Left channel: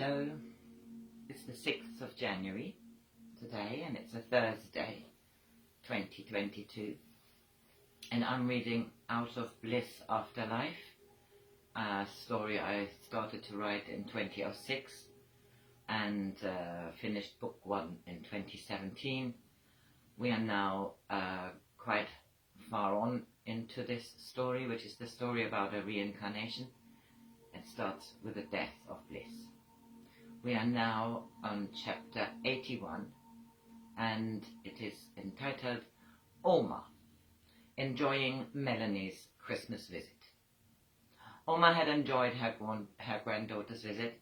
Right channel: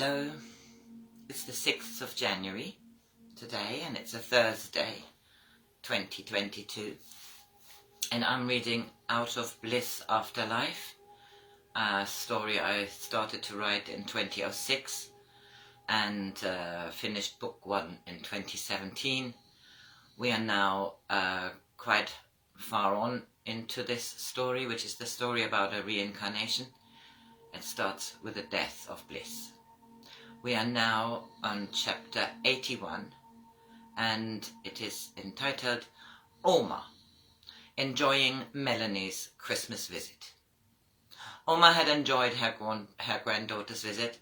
Hello, it's the 6th of January today and it's a Thursday, 2022, and I'm reading out of BLISS, Afterlife, a story I started to write in 2006 and finished book 1 in 2017. We are now quite far on into this story, which is the story about a reincarnation. It starts with the death of Bliss. We are now on chapter 81 and it is entitled Oma, Enjoying Melanie's Christmas Visit. Oma had enjoyed her granddaughter's visit.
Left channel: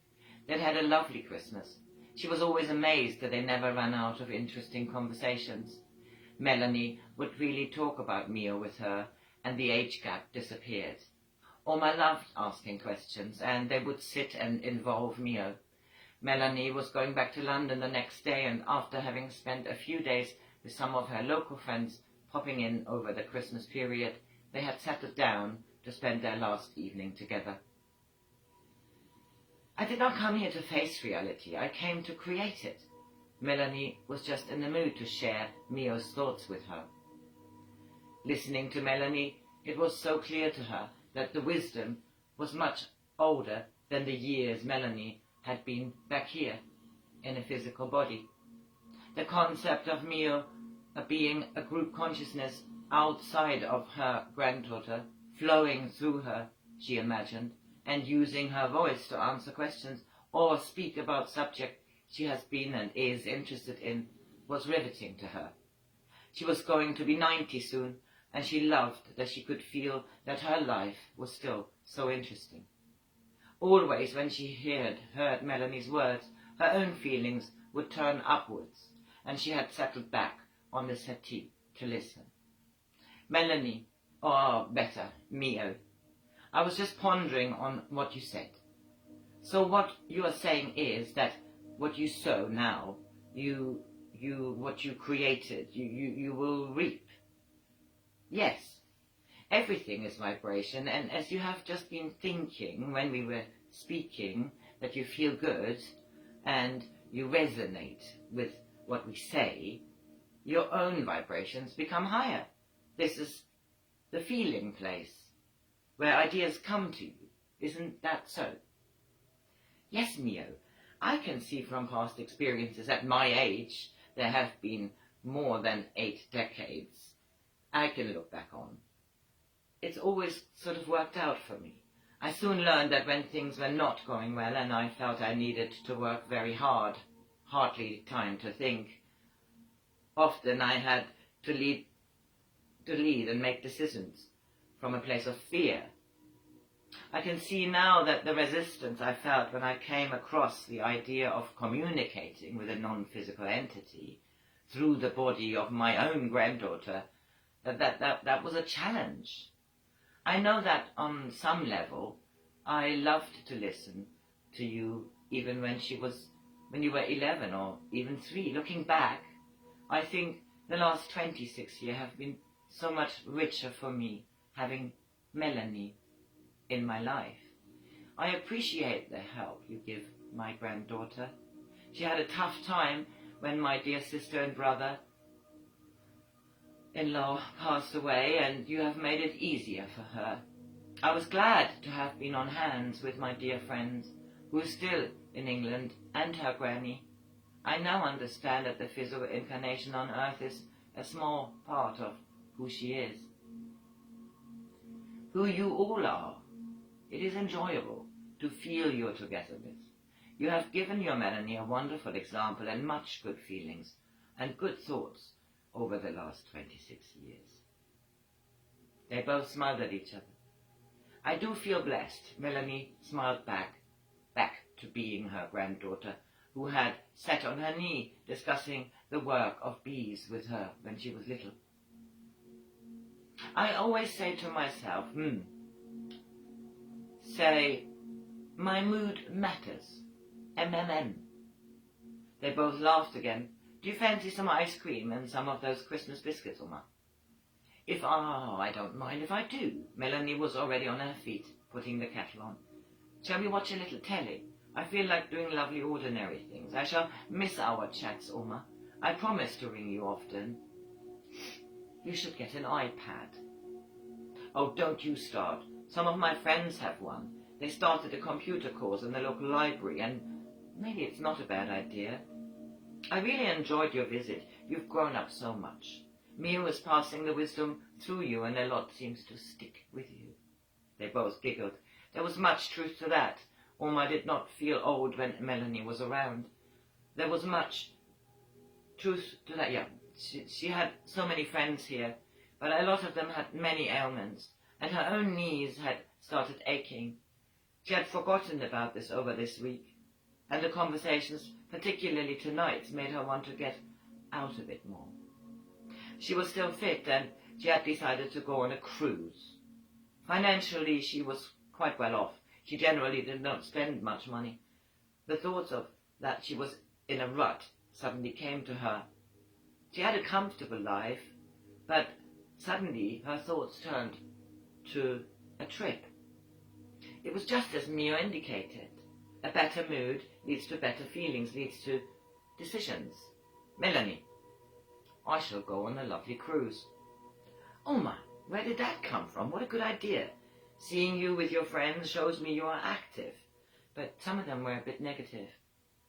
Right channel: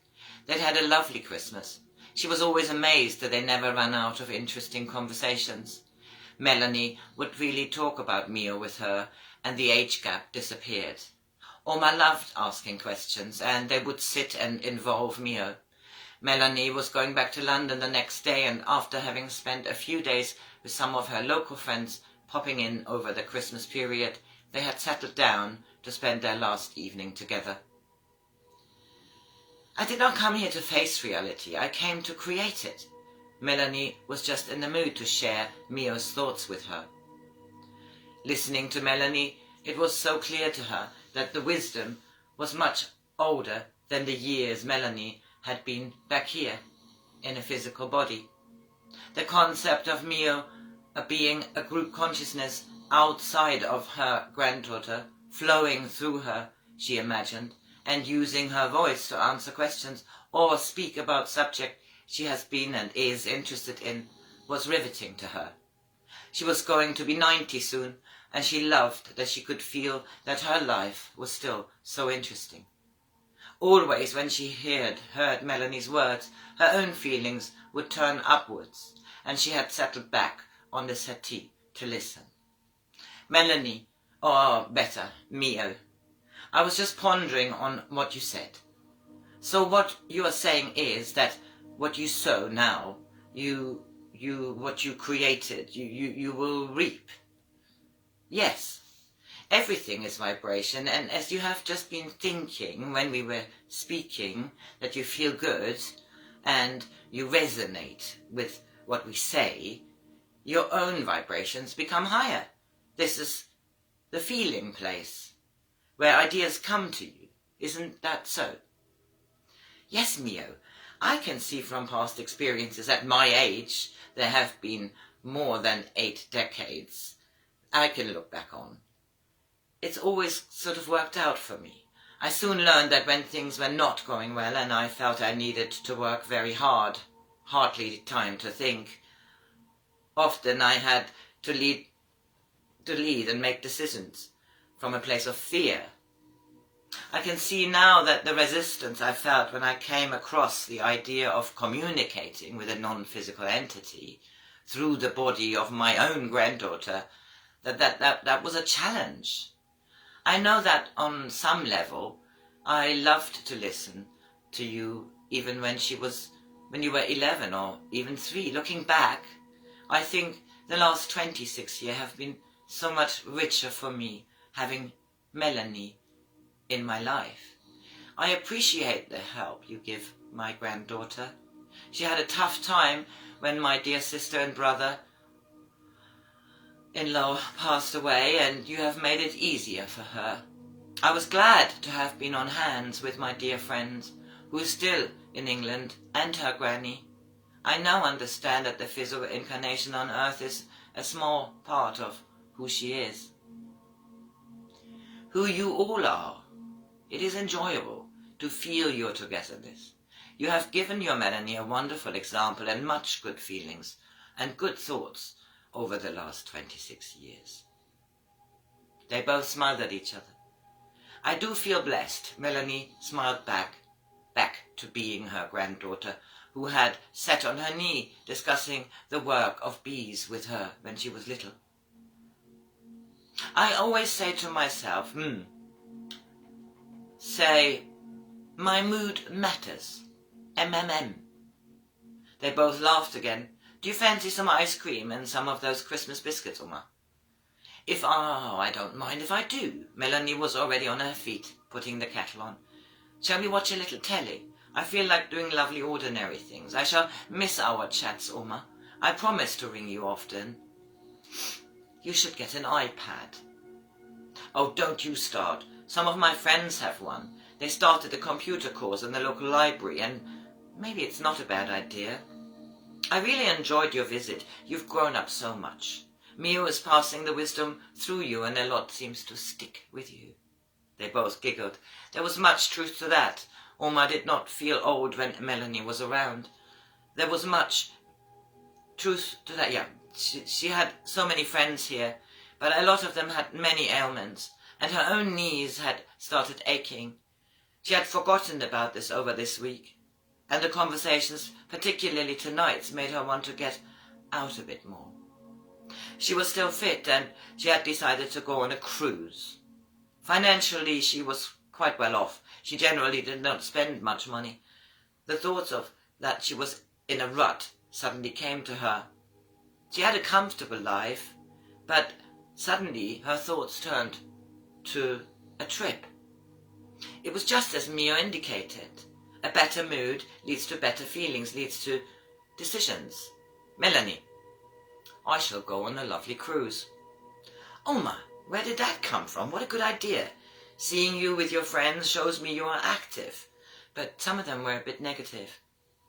They'd had a lovely Christmas. She was always amazed that they never ran out of interesting conversations. Melanie would really talk about Mio with her and the age gap disappeared. Oma loved asking questions and they would sit and involve Mio. Melanie was going back to London the next day, and after having spent a few days with some of her local friends popping in over the Christmas period, they had settled down to spend their last evening together. I did not come here to face reality, I came to create it. Melanie was just in the mood to share Mio's thoughts with her. Listening to Melanie, it was so clear to her that the wisdom was much older than the years Melanie had been back here in a physical body. The concept of Mio being a group consciousness outside of her granddaughter, flowing through her, she imagined, and using her voice to answer questions or speak about subject she has been and is interested in, was riveting to her. She was going to be 90 soon, and she loved that she could feel that her life was still so interesting. Always when she heard Melanie's words, her own feelings would turn upwards, and she had settled back on the settee to listen. Melanie, or better, Mio, I was just pondering on what you said. So what you are saying is that what you sow now, what you created, you will reap. Yes. Everything is vibration, and as you have just been thinking when we were speaking, that you feel good and you resonate with what we say, your own vibrations become higher. This is the feeling place, where ideas come to you. Isn't that so? Yes, Mio, I can see from past experiences at my age, there have been more than 8 decades, I can look back on. It's always sort of worked out for me. I soon learned that when things were not going well and I felt I needed to work very hard, hardly time to think, often I had to lead and make decisions from a place of fear. I can see now that the resistance I felt when I came across the idea of communicating with a non-physical entity through the body of my own granddaughter, that was a challenge. I know that on some level, I loved to listen to you even when you were 11 or even 3. Looking back, I think the last 26 years have been so much richer for me, having Melanie in my life. I appreciate the help you give my granddaughter. She had a tough time when my dear sister and brother-in-law passed away, and you have made it easier for her. I was glad to have been on hands with my dear friends, who is still in England, and her granny. I now understand that the physical incarnation on earth is a small part of who she is. Who you all are. It is enjoyable to feel your togetherness. You have given your Melanie a wonderful example and much good feelings and good thoughts over the last 26 years. They both smiled at each other. I do feel blessed. Melanie smiled back to being her granddaughter, who had sat on her knee discussing the work of bees with her when she was little. I always say to myself, say, my mood matters, MMM. They both laughed again. Do you fancy some ice cream and some of those Christmas biscuits, Oma? I don't mind if I do. Melanie was already on her feet, putting the kettle on. Shall we watch a little telly? I feel like doing lovely ordinary things. I shall miss our chats, Oma. I promise to ring you often. You should get an iPad. Oh, don't you start. Some of my friends have one. They started a computer course in the local library, and maybe it's not a bad idea. I really enjoyed your visit. You've grown up so much. Mio is passing the wisdom through you, and a lot seems to stick with you. They both giggled. There was much truth to that. Oma did not feel old when Melanie was around. There was much truth to that, yeah. She had so many friends here, but a lot of them had many ailments, and her own knees had started aching. She had forgotten about this over this week, and the conversations, particularly tonight's, made her want to get out a bit more. She was still fit, and she had decided to go on a cruise. Financially, she was quite well off. She generally did not spend much money. The thoughts of that she was in a rut suddenly came to her. She had a comfortable life, but suddenly her thoughts turned to a trip. It was just as Mio indicated. A better mood leads to better feelings, leads to decisions. Melanie, I shall go on a lovely cruise. Oma, where did that come from? What a good idea. Seeing you with your friends shows me you are active, but some of them were a bit negative.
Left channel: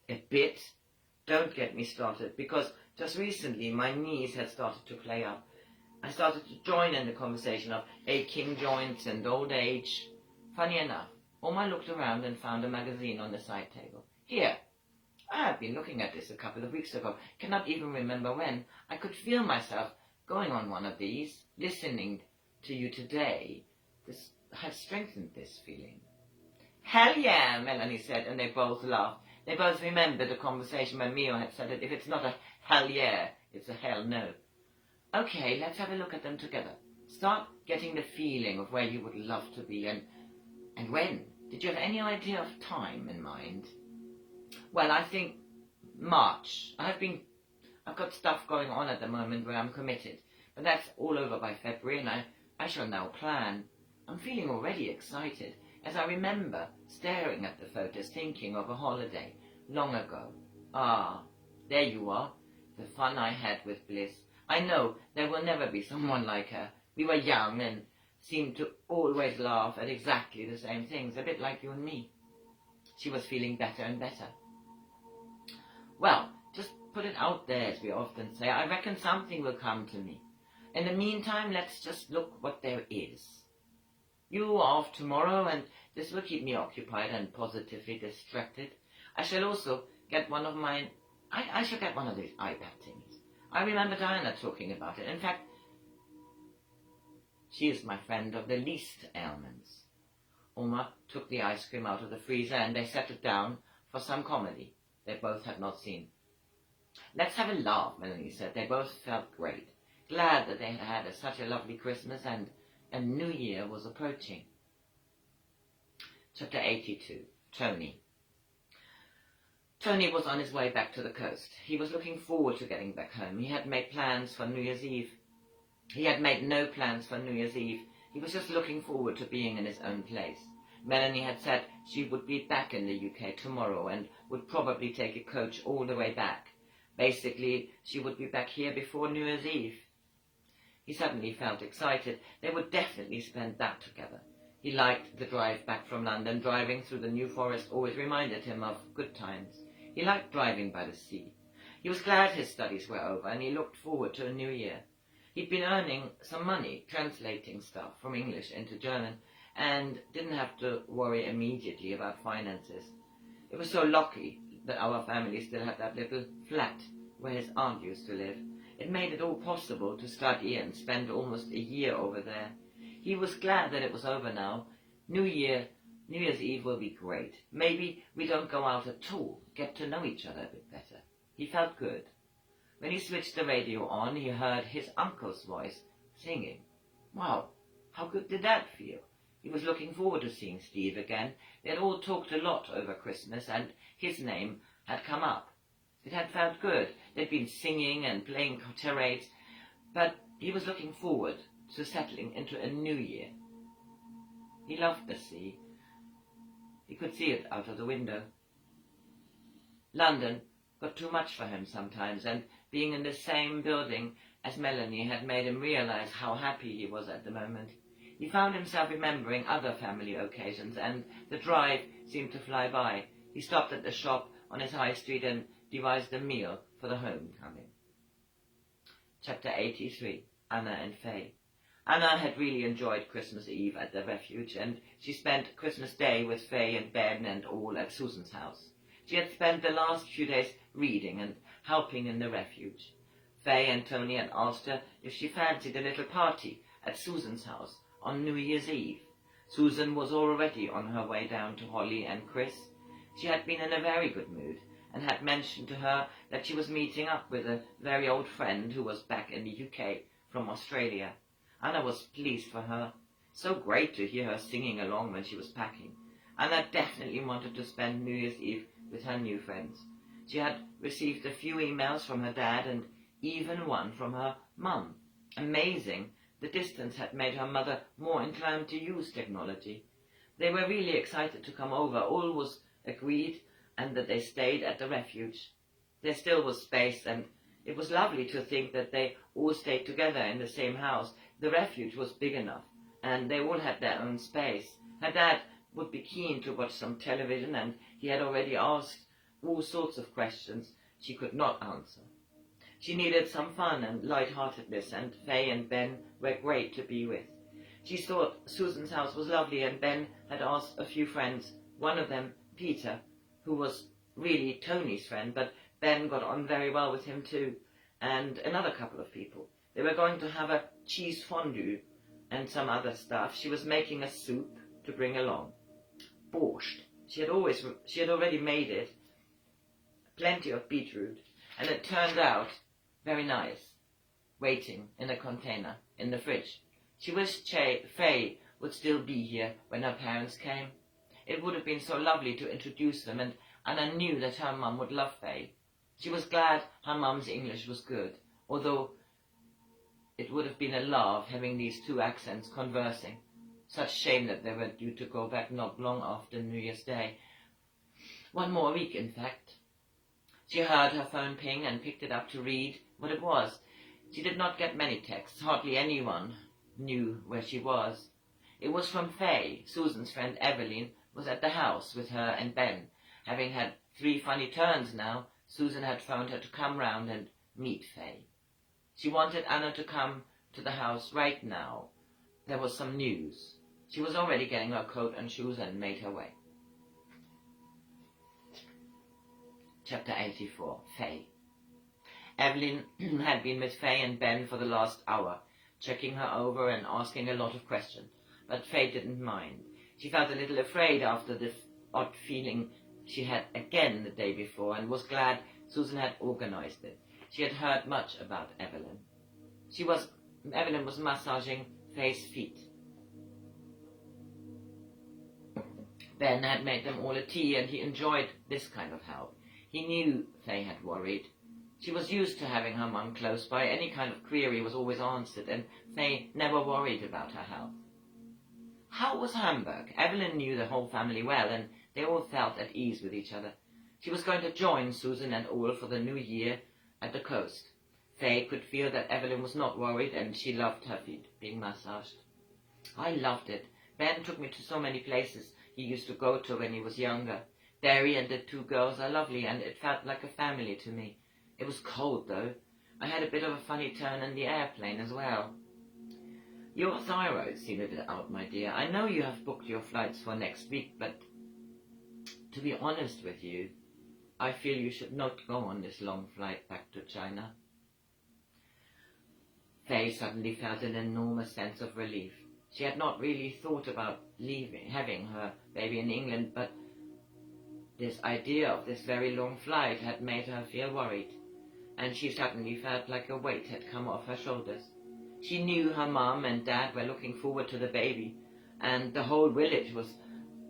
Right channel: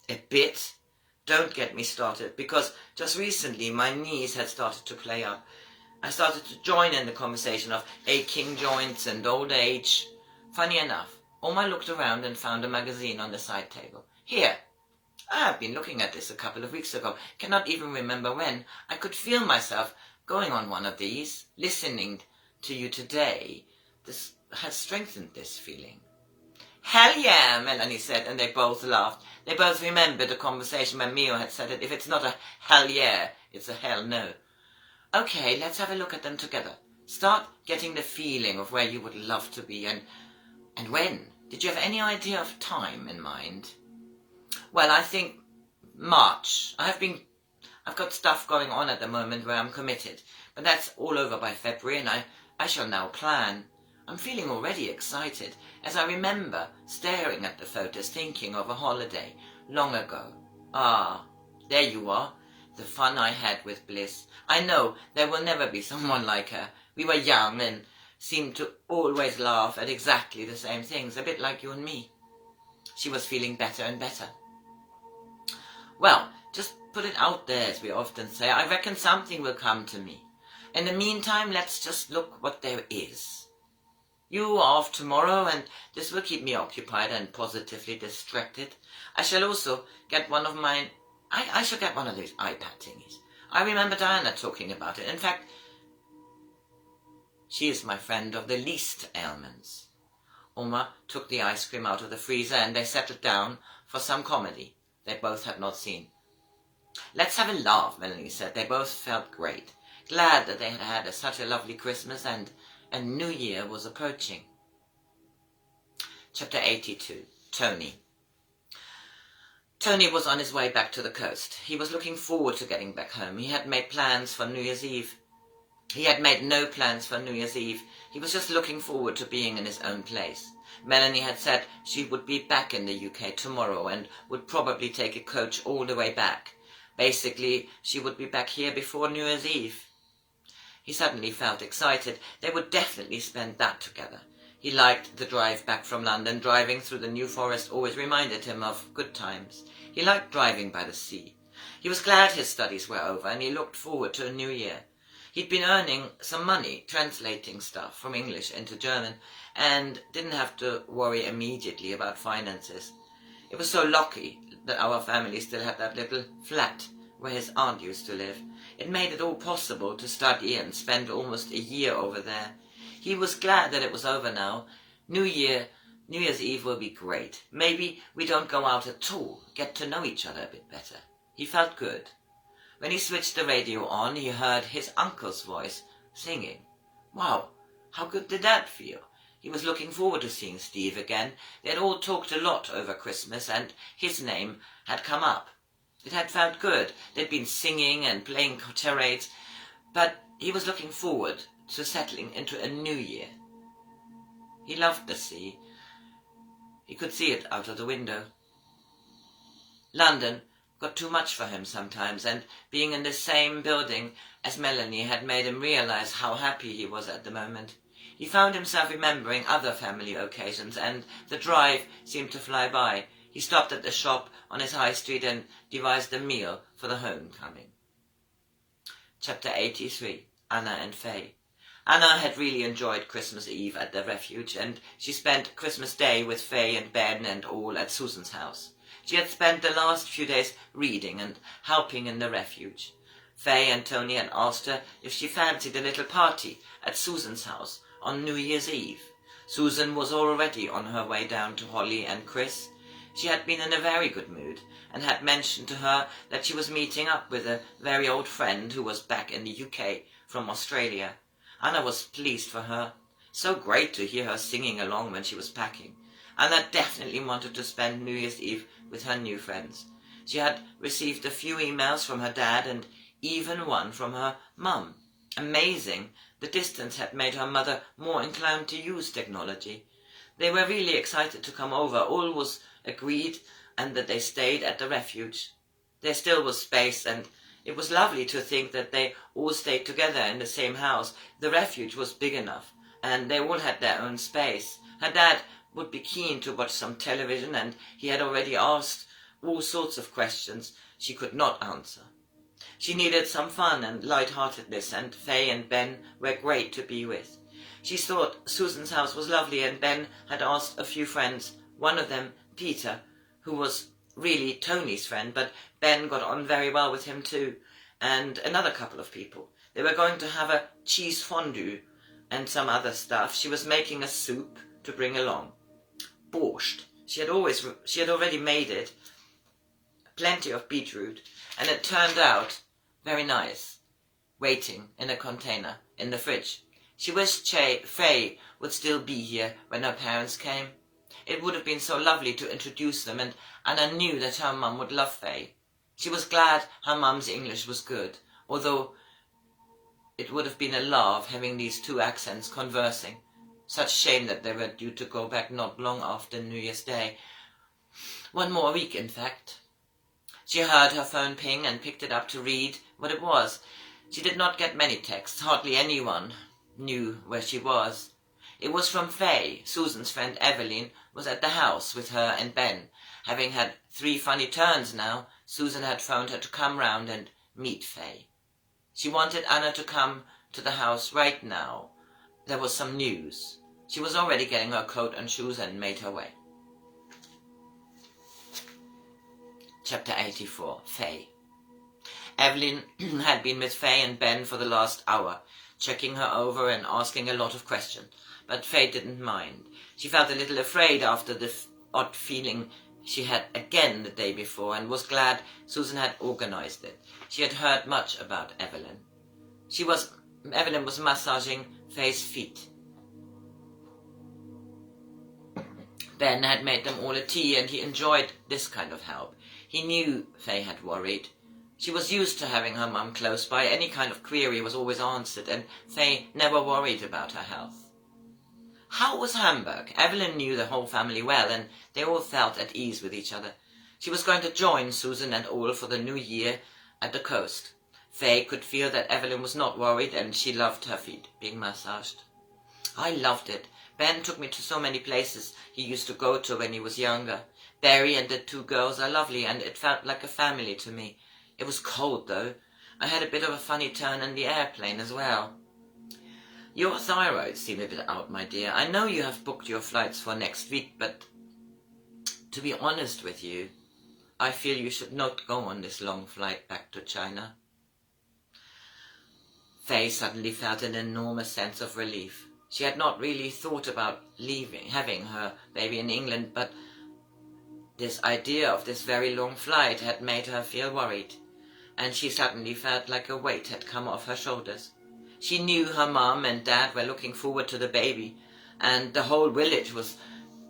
A bit? Don't get me started, because just recently my knees had started to play up. I started to join in the conversation of aching joints and old age. Funny enough, Oma looked around and found a magazine on the side table. Here, I have been looking at this a couple of weeks ago, cannot even remember when. I could feel myself going on one of these, listening to you today. This has strengthened this feeling. Hell yeah, Melanie said, and they both laughed. They both remembered a conversation when Mio had said that if it's not a hell yeah, it's a hell no. Okay, let's have a look at them together. Start getting the feeling of where you would love to be and when. Did you have any idea of time in mind? Well, I think March. I've got stuff going on at the moment where I'm committed, but that's all over by February, and I shall now plan. I'm feeling already excited, as I remember staring at the photos, thinking of a holiday long ago. Ah, there you are, the fun I had with Bliss. I know there will never be someone like her. We were young and seemed to always laugh at exactly the same things, a bit like you and me. She was feeling better and better. Well, just put it out there, as we often say. I reckon something will come to me. In the meantime, let's just look what there is. You are off tomorrow, and this will keep me occupied and positively distracted. I shall also get one of mine. I shall get one of those iPad thingies. I remember Diana talking about it. In fact, she is my friend of the least ailments. Oma took the ice cream out of the freezer, and they settled down for some comedy they both had not seen. Let's have a laugh, Melanie said. They both felt great, glad that they had had such a lovely Christmas, and New Year was approaching. Chapter 82. Tony. Tony was on his way back to the coast. He was looking forward to getting back home. He had made plans for New Year's Eve. He had made no plans for New Year's Eve. He was just looking forward to being in his own place. Melanie had said she would be back in the UK tomorrow and would probably take a coach all the way back. Basically, she would be back here before New Year's Eve. He suddenly felt excited. They would definitely spend that together. He liked the drive back from London. Driving through the New Forest always reminded him of good times. He liked driving by the sea. He was glad his studies were over, and he looked forward to a new year. He'd been earning some money translating stuff from English into German, and didn't have to worry immediately about finances. It was so lucky that our family still had that little flat where his aunt used to live. It made it all possible to study and spend almost a year over there. He was glad that it was over now. New Year's Eve will be great. Maybe we don't go out at all, get to know each other a bit better. He felt good. When he switched the radio on, he heard his uncle's voice singing. Wow, how good did that feel? He was looking forward to seeing Steve again. They had all talked a lot over Christmas, and his name had come up. It had felt good. They'd been singing and playing charades, but he was looking forward to settling into a new year. He loved the sea. He could see it out of the window. London got too much for him sometimes, and being in the same building as Melanie had made him realize how happy he was at the moment. He found himself remembering other family occasions, and the drive seemed to fly by. He stopped at the shop on his high street and devised a meal for the homecoming. Chapter 83. Anna and Faye. Anna had really enjoyed Christmas Eve at the refuge, and she spent Christmas Day with Faye and Ben and all at Susan's house. She had spent the last few days reading and helping in the refuge. Faye and Tony had asked her if she fancied a little party at Susan's house on New Year's Eve. Susan was already on her way down to Holly and Chris. She had been in a very good mood, and had mentioned to her that she was meeting up with a very old friend who was back in the UK from Australia. Anna was pleased for her. So great to hear her singing along when she was packing. Anna definitely wanted to spend New Year's Eve with her new friends. She had received a few emails from her dad and even one from her mum. Amazing! The distance had made her mother more inclined to use technology. They were really excited to come over. All was agreed, and that they stayed at the refuge. There still was space, and it was lovely to think that they all stayed together in the same house. The refuge was big enough, and they all had their own space. Her dad would be keen to watch some television, and he had already asked all sorts of questions she could not answer. She needed some fun and light-heartedness, and Faye and Ben were great to be with. She thought Susan's house was lovely, and Ben had asked a few friends, one of them, Peter, who was really Tony's friend, but Ben got on very well with him too, and another couple of people. They were going to have a cheese fondue and some other stuff. She was making a soup to bring along. Borscht. She had already made it. Plenty of beetroot, and it turned out very nice, waiting in a container in the fridge. She wished Faye would still be here when her parents came. It would have been so lovely to introduce them, and Anna knew that her mum would love Faye. She was glad her mum's English was good, although it would have been a love having these two accents conversing. Such shame that they were due to go back not long after New Year's Day. One more week, in fact. She heard her phone ping and picked it up to read what it was. She did not get many texts. Hardly anyone knew where she was. It was from Faye. Susan's friend Evelyn was at the house with her and Ben. Having had 3 funny turns now, Susan had phoned her to come round and meet Faye. She wanted Anna to come to the house right now. There was some news. She was already getting her coat and shoes and made her way. Chapter 84. Faye. Evelyn had been with Faye and Ben for the last hour, checking her over and asking a lot of questions, but Faye didn't mind. She felt a little afraid after the odd feeling she had again the day before, and was glad Susan had organized it. She had heard much about Evelyn. Evelyn was massaging Faye's feet. Ben had made them all a tea, and he enjoyed this kind of help. He knew Faye had worried. She was used to having her mum close by. Any kind of query was always answered, and Faye never worried about her health. How was Hamburg? Evelyn knew the whole family well, and they all felt at ease with each other. She was going to join Susan and all for the new year at the coast. Faye could feel that Evelyn was not worried, and she loved her feet being massaged. I loved it. Ben took me to so many places he used to go to when he was younger. Barry and the 2 girls are lovely, and it felt like a family to me. It was cold, though. I had a bit of a funny turn in the airplane as well. Your thyroid seemed a bit out, my dear. I know you have booked your flights for next week, but to be honest with you, I feel you should not go on this long flight back to China. Faye suddenly felt an enormous sense of relief. She had not really thought about having her baby in England, but this idea of this very long flight had made her feel worried, and she suddenly felt like a weight had come off her shoulders. She knew her mum and dad were looking forward to the baby, and the whole village was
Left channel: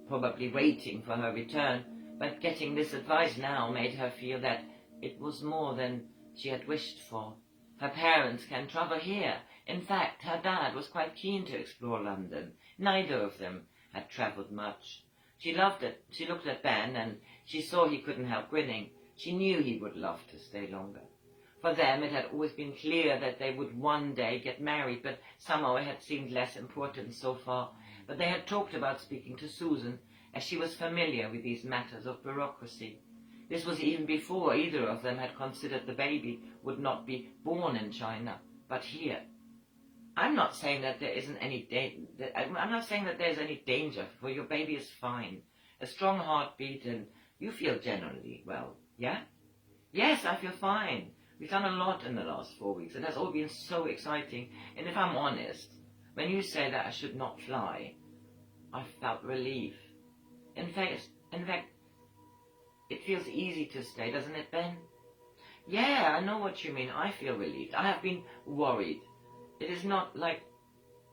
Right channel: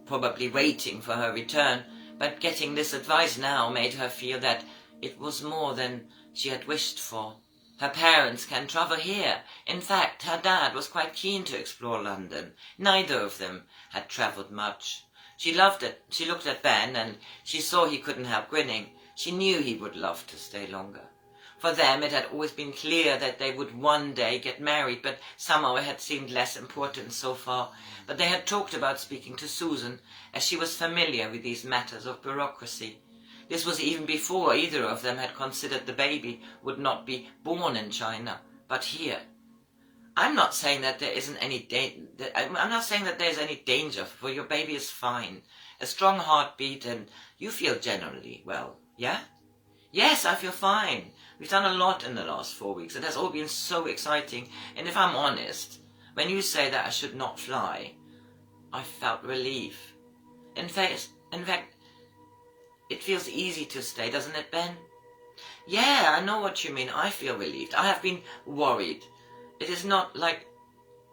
probably waiting for her return, but getting this advice now made her feel that it was more than she had wished for. Her parents can travel here. In fact, her dad was quite keen to explore London. Neither of them had travelled much. She loved it. She looked at Ben, and she saw he couldn't help grinning. She knew he would love to stay longer. For them it had always been clear that they would one day get married, but somehow it had seemed less important so far. But they had talked about speaking to Susan, as she was familiar with these matters of bureaucracy. This was even before either of them had considered the baby would not be born in China, but here. I'm not saying that there isn't any I'm not saying that there's any danger, for your baby is fine. A strong heartbeat, and you feel generally well, yeah? Yes, I feel fine. We've done a lot in the last 4 weeks. It has all been so exciting. And if I'm honest, when you say that I should not fly, I felt relief. In fact, it feels easy to stay, doesn't it, Ben? Yeah, I know what you mean. I feel relieved. I have been worried. It is not like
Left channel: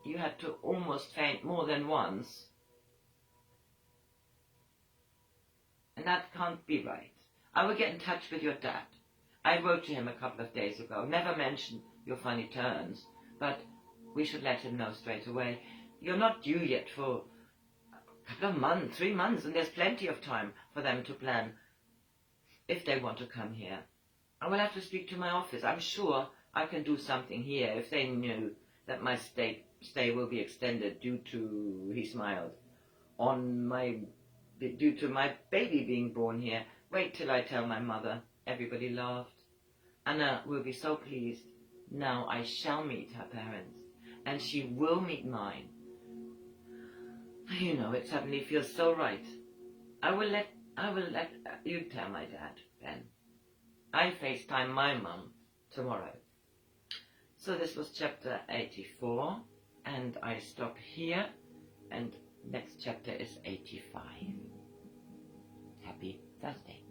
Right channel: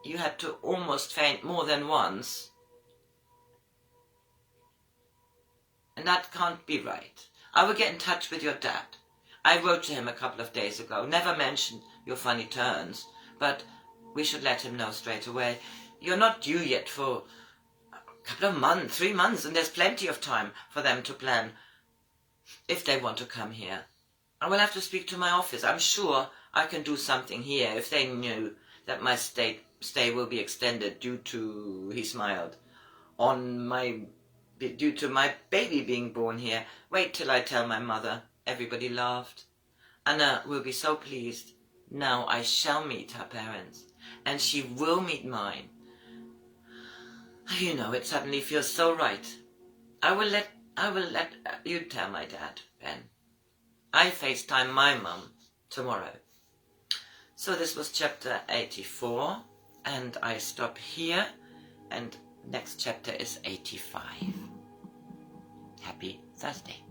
you had to almost faint more than once. And that can't be right. I will get in touch with your dad. I wrote to him a couple of days ago. Never mentioned your funny turns, but we should let him know straight away. You're not due yet for a couple of months, 3 months, and there's plenty of time for them to plan if they want to come here. I will have to speak to my office. I'm sure I can do something here if they knew that my stay will be extended due to, he smiled, due to my baby being born here. Wait till I tell my mother. Everybody laughed. Anna will be so pleased. Now I shall meet her parents, and she will meet mine. You know, it suddenly feels so right. I will let you tell my dad, Ben. I FaceTime my mum tomorrow. So this was chapter 84, and I stop here, and next chapter is 85. Happy Thursday.